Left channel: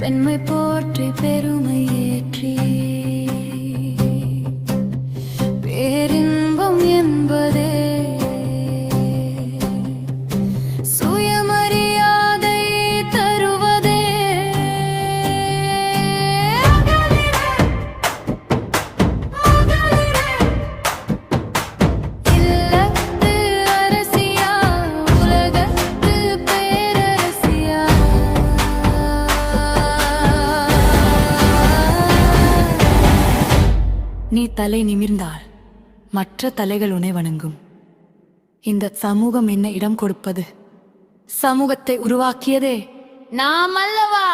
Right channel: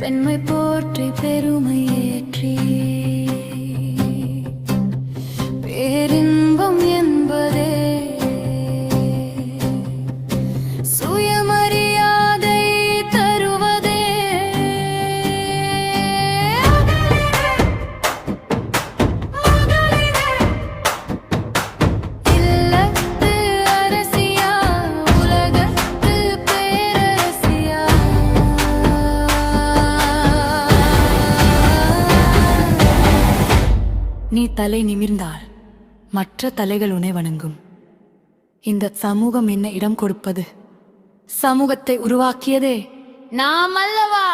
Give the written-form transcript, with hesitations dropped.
பெண்மை போற்றி பெருமை ஏற்றி பேரின்பம் என்பதே சுயமரியாதை தருவதே. இல்லத்து அரசியா உலகத்து பேரரசியா, நீ தலை நிமிர்ந்தால் மற்ற தலைகள் உன்னை வணங்கும். இந்த சமூகம் என்ன இடம் கொடுப்பது? சமூகத்தை உருவாக்கியதே நாம் அல்லவா?